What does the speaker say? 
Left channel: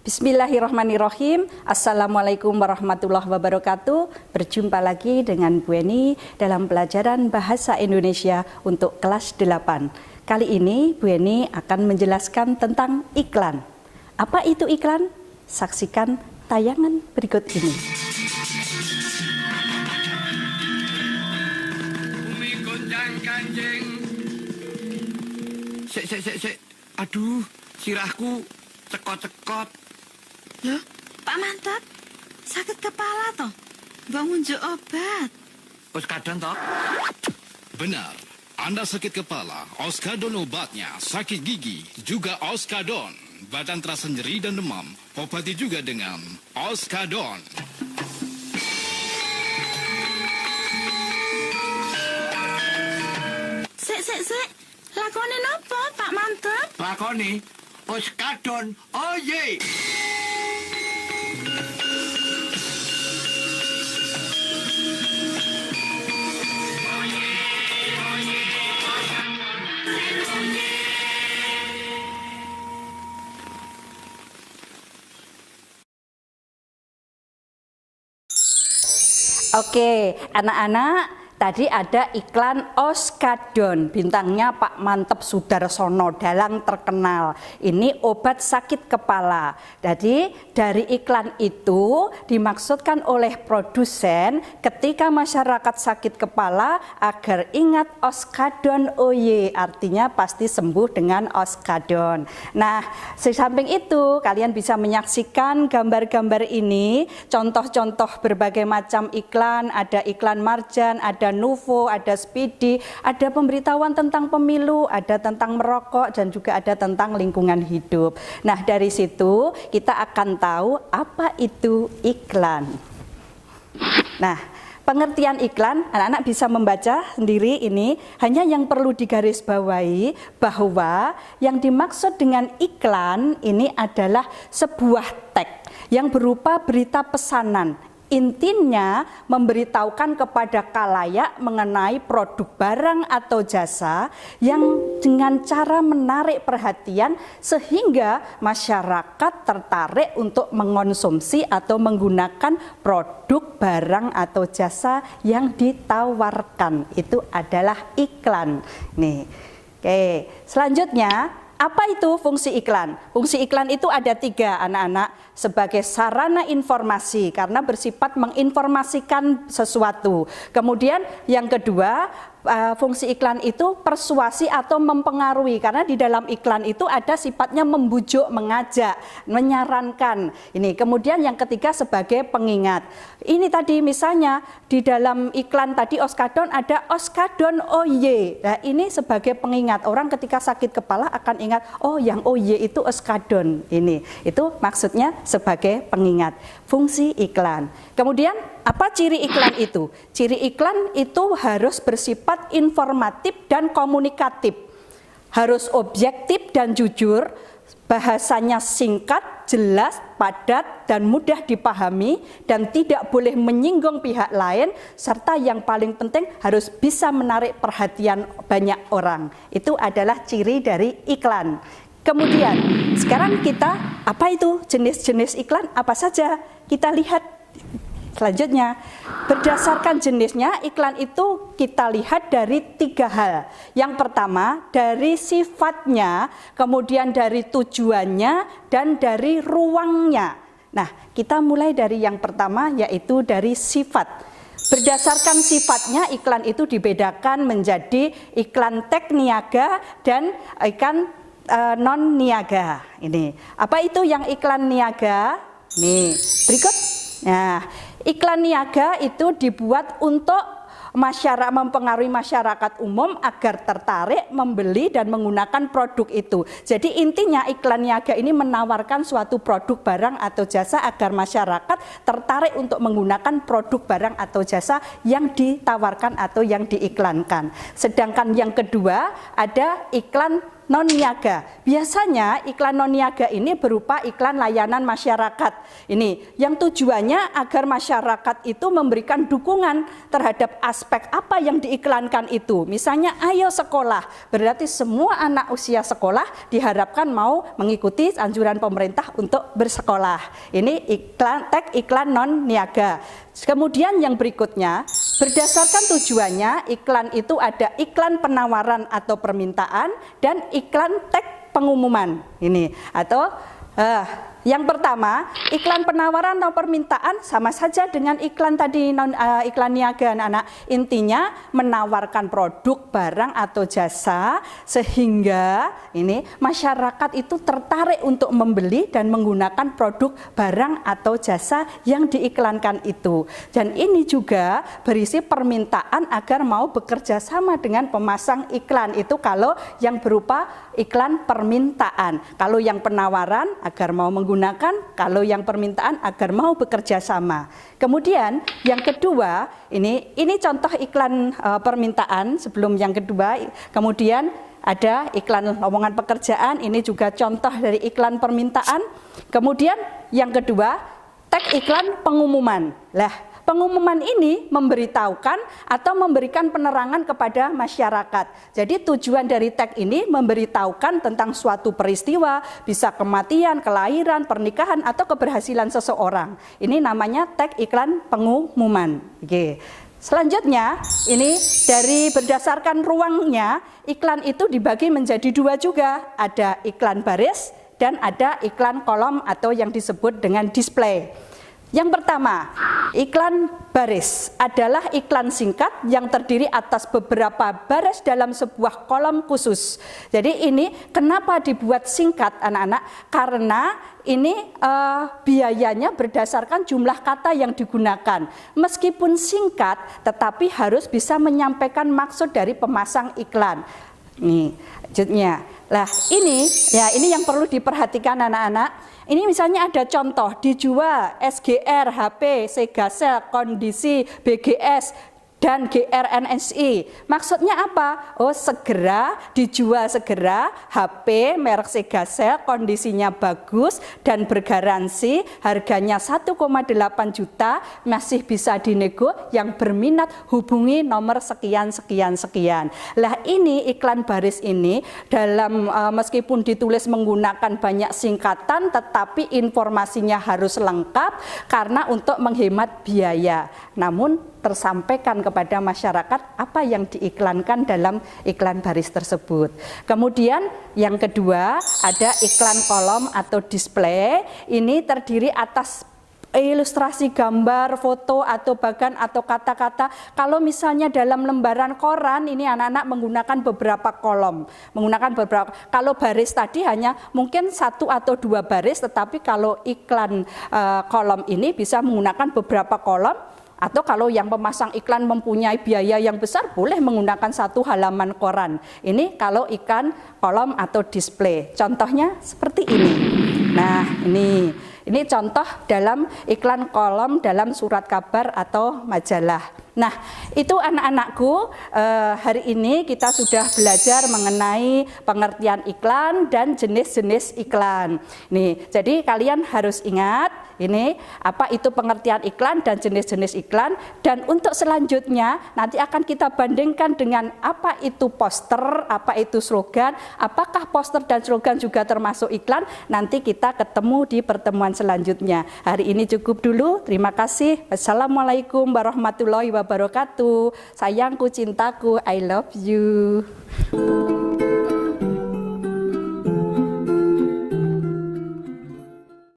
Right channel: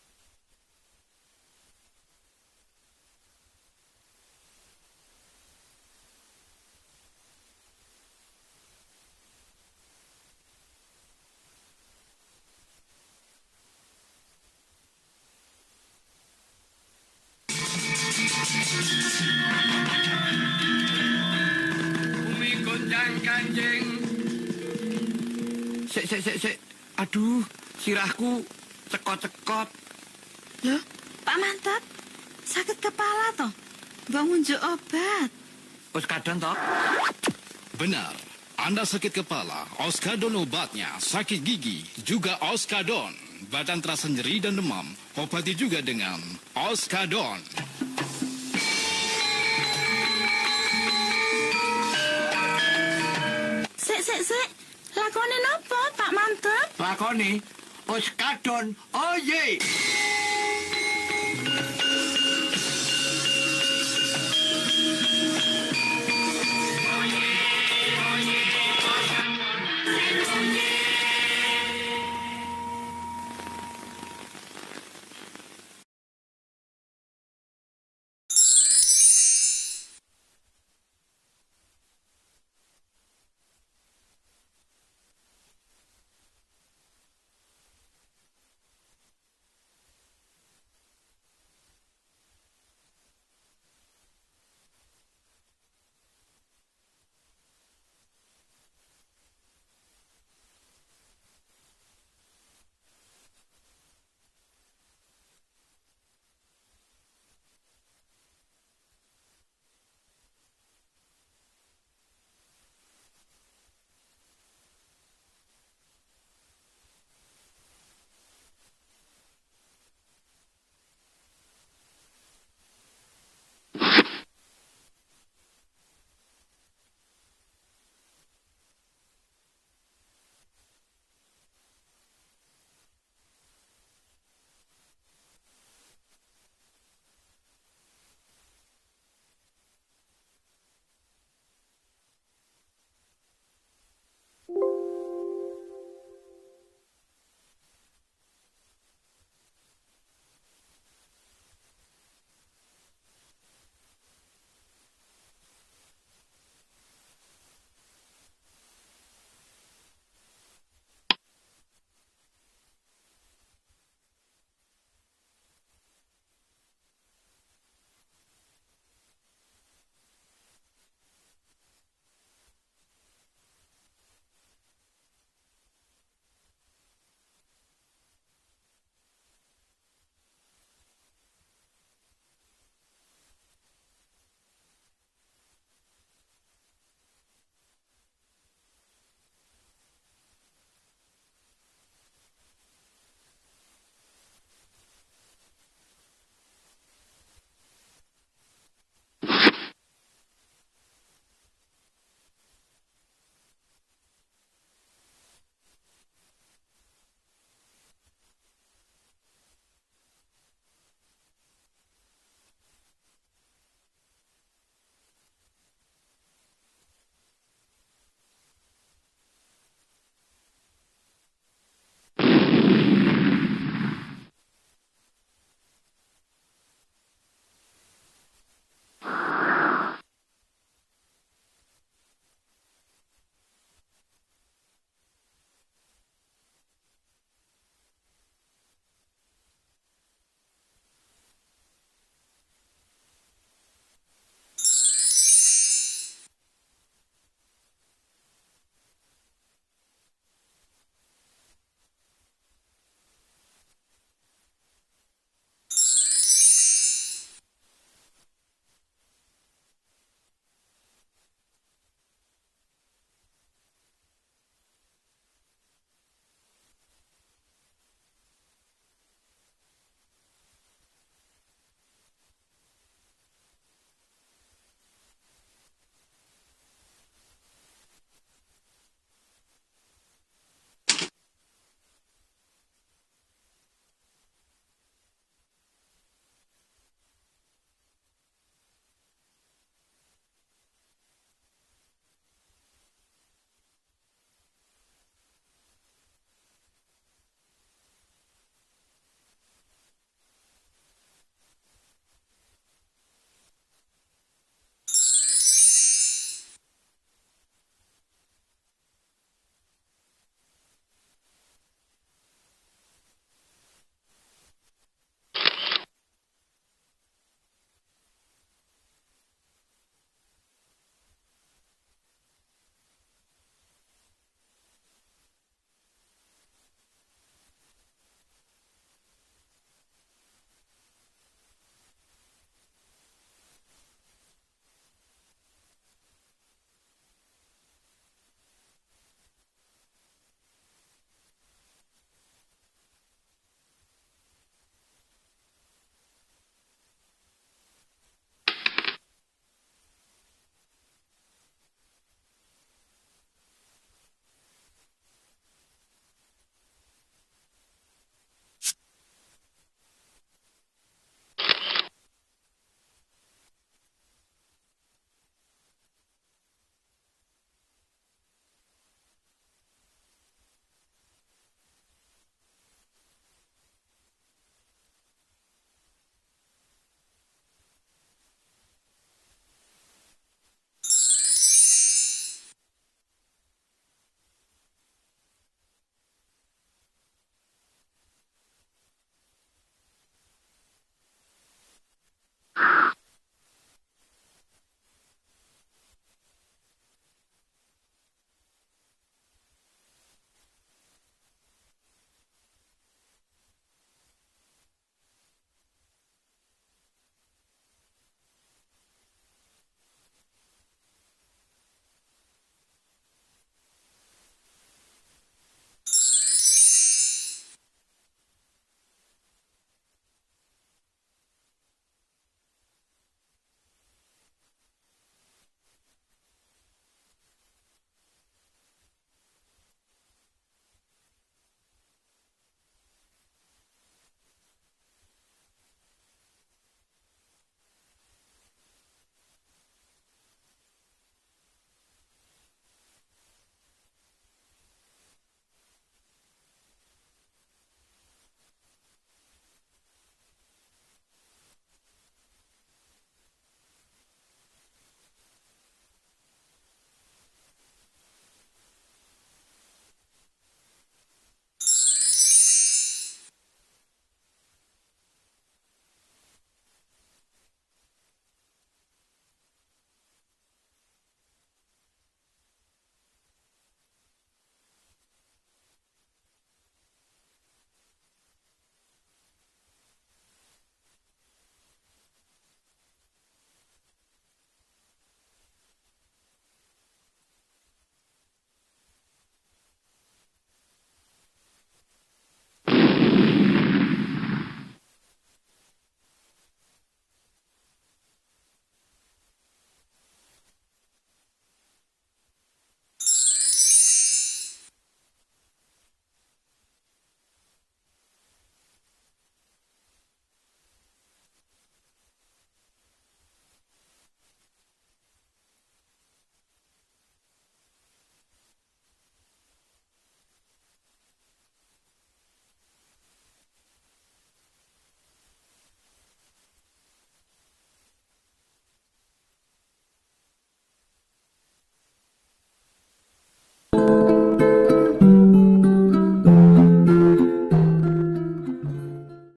Bismillahirrahmanirrahim. Assalamualaikum warahmatullahi wabarakatuh. Berjumpa lagi dengan Bu Eni dalam pelajaran Bahasa Indonesia untuk kelas 8. Kali ini Bu Eni akan menjelaskan tentang iklan. Apa itu iklan? Saksikan tayangan berikut ini. Bumi gonjang ganjing. Sik. Aduh, sirahku cekot-cekot. Loh, Pak Mantap, sakit kepala toh? Bangun jo obat. Wis kadon toh? Benar, Anda sakit kepala, Oskadon obatnya, sakit gigi, juga Oskadon. Badan terasa nyeri dan demam, obati juga dengan Oskadon. Sik. Lakonin apa, Pak Mantap? Lakoni Oskadon. Oh ye. Oke, anak-anak, tadi ada iklan Oskadon, bintangnya Pak Mantep Sudarsono, dalang terkenal. Ini obat sakit kepala. Jadi dari iklan itu dimaksudkan oleh produsen ketika masyarakat sakit kepala agar ingat Oskadon Oye, artinya pasti sembuh dengan Oskadon. Nah, di samping itu kalian bisa menyaksikan gambar-gambar ini, contoh-contoh berbagai macam iklan, ada iklan Marjan, ada Nuvo, ada Speedy, ada pemberitahuan tentang pemilu, ada tentang merokok, dan juga ada tentang lingkungan hidup. Nah, dari situ kita akan tahu apa itu iklan. Nah, pengertian iklan, anak-anak bisa membaca sendiri ini, hanya yang perlu digarisbawahi bahwa yang dimaksud dengan iklan ini adalah sebuah teks yang berupa berita pesanan. Intinya memberitahukan kepada khalayak mengenai produk barang atau jasa yang dengan cara menarik perhatian sehingga masyarakat tertarik untuk mengonsumsi atau menggunakan produk barang atau jasa yang ditawarkan. Itu adalah iklan. Nih. Oke, selanjutnya apa itu fungsi iklan? Fungsi iklan itu ada 3, anak-anak, sebagai sarana informasi karena bersifat menginformasikan sesuatu. Kemudian yang kedua, fungsi iklan itu persuasi atau mempengaruhi karena di dalam iklan itu ada sifatnya membujuk, mengajak, menyarankan. Ini kemudian yang ketiga sebagai pengingat. Ini tadi misalnya di dalam iklan tadi Oskadon ada Oskadon Oye. Nah, ini sebagai pengingat, orang ketika sakit kepala akan ingat, oh yang Oye itu Oskadon. Ini itu maksudnya sebagai pengingat. Fungsi iklan. Kemudian apa ciri iklan itu? Ciri iklan itu harus bersifat informatif dan komunikatif. Harus objektif dan jujur, bahasanya singkat, jelas, padat, dan mudah dipahami, dan tidak boleh menyinggung pihak lain, serta yang paling penting harus bisa menarik perhatian banyak orang. Itu adalah ciri dari iklan. Kemudian, sekarang kita, apa itu jenis-jenis iklan? Apa saja? Kita lihat selanjutnya. Berdasarkan jenisnya, iklan itu kita lihat dari 3 hal. Yang pertama, dari sifatnya, kemudian dari tujuannya, dan dari ruangnya. Nah, kita mulai dari yang pertama, yaitu dari sifat. Berdasarkan sifatnya, iklan itu dibedakan menjadi iklan tek niaga dan iklan non niaga. Ini apa itu yang iklan niaga? Nih berikut. Nah, iklan niaga itu dibuat untuk mempengaruhi masyarakat umum agar tertarik membeli dan menggunakan produk itu. Jadi intinya iklan niaga ini menawarkan suatu produk barang atau jasa agar masyarakat tertarik untuk menggunakan produk barang atau jasa yang ditawarkan atau yang diiklankan. Sedangkan yang kedua ada iklan non-niaga. Biasanya iklan non-niaga ini berupa iklan layanan masyarakat. Ini yang tujuannya agar masyarakat itu memberikan dukungan terhadap aspek apa yang diiklankan itu. Misalnya ayo sekolah, berarti semua anak usia sekolah diharapkan mau mengikuti anjuran pemerintah untuk bersekolah. Ini tag iklan non-niaga. Kemudian yang berikutnya, berdasarkan tujuannya, iklan itu ada iklan penawaran atau permintaan dan iklan tag pengumuman. Ini atau yang pertama, iklan penawaran atau permintaan sama saja dengan iklan tadi iklan niaga, anak-anak. Intinya menawarkan produk, barang atau jasa sehingga ini masyarakat itu tertarik untuk membeli dan menggunakan produk, barang atau jasa yang diiklankan itu. Dan ini juga berisi permintaan agar mau bekerja sama dengan pemasang iklan itu kalau yang berupa iklan permintaan. Kalau yang penawaran agar mau menggunakan, kalau yang permintaan agar mau bekerja sama. Kemudian yang kedua, ini contoh iklan permintaan sebelum yang kedua. Kemudian ada iklan lowongan pekerjaan, ini juga contoh dari iklan permintaan. Kemudian yang kedua, tag iklan pengumuman. Lah, pengumuman ini memberitahukan atau memberikan penerangan kepada masyarakat. Jadi tujuan dari tag ini memberitahukan tentang suatu peristiwa, bisa kematian, kelahiran, pernikahan, atau keberhasilan seseorang. Ini namanya tag iklan pengumuman. Oke. Selanjutnya, ini dari berdasarkan ruangnya, iklan itu dibagi menjadi dua juga. Ada iklan baris dan ada iklan kolom atau yang disebut dengan display. Yang pertama, iklan baris adalah iklan singkat yang terdiri atas beberapa baris dalam sebuah kolom khusus. Jadi ini kenapa dibuat singkat, anak-anak? Karena ini biayanya berdasarkan jumlah kata yang digunakan. Meskipun singkat, tetapi harus bisa menyampaikan maksud dari pemasang iklan. Nih, lanjutnya. Lah, ini yang perlu diperhatikan anak-anak. Ini misalnya ada contoh dijual SGR, HP, Segasel, Kondisi, BGS, dan GRNSI. Maksudnya apa? Oh, segera dijual segera, HP merek Segasel, kondisinya bagus dan bergaransi, harganya 1,8 juta, masih bisa dinego, yang berminat hubungi nomor sekian. Lah ini iklan baris ini dalam meskipun ditulis menggunakan banyak singkatan tetapi informasinya harus lengkap karena untuk menghemat biaya. Namun tersampaikan kepada masyarakat apa yang diiklankan dalam iklan baris tersebut. Kemudian yang kedua ada iklan kolom atau display. Ini terdiri atas ilustrasi gambar, foto atau bagan atau kata-kata. Kalau misalnya dalam lembaran koran ini anak-anak menggunakan beberapa kolom, kalau baris tadi hanya mungkin 1 atau 2 baris, tetapi kalau iklan kolom ini bisa menggunakan beberapa kolom. Atau kalau yang pemasang iklan mempunyai biaya yang besar, boleh menggunakan 1 halaman koran. Ini kalau iklan kolom atau display. Contohnya seperti ini. Nah, ini contoh dalam iklan kolom dalam surat kabar atau majalah. Nah, itu anak-anakku, hari ini kita sudah belajar mengenai pengertian iklan dan jenis-jenis iklan. Nih, jadi kalian harus ingat ini apa itu pengertian iklan dan jenis-jenis iklan, dan untuk selanjutnya nanti akan kita bandingkan dengan apa itu poster, apa itu slogan, apakah poster dan slogan juga termasuk iklan. Nanti kita ketemu di pertemuan selanjutnya. Hari ini cukup dulu. Terima kasih. Wassalamualaikum warahmatullahi wabarakatuh. Sayangku, cintaku, I love you.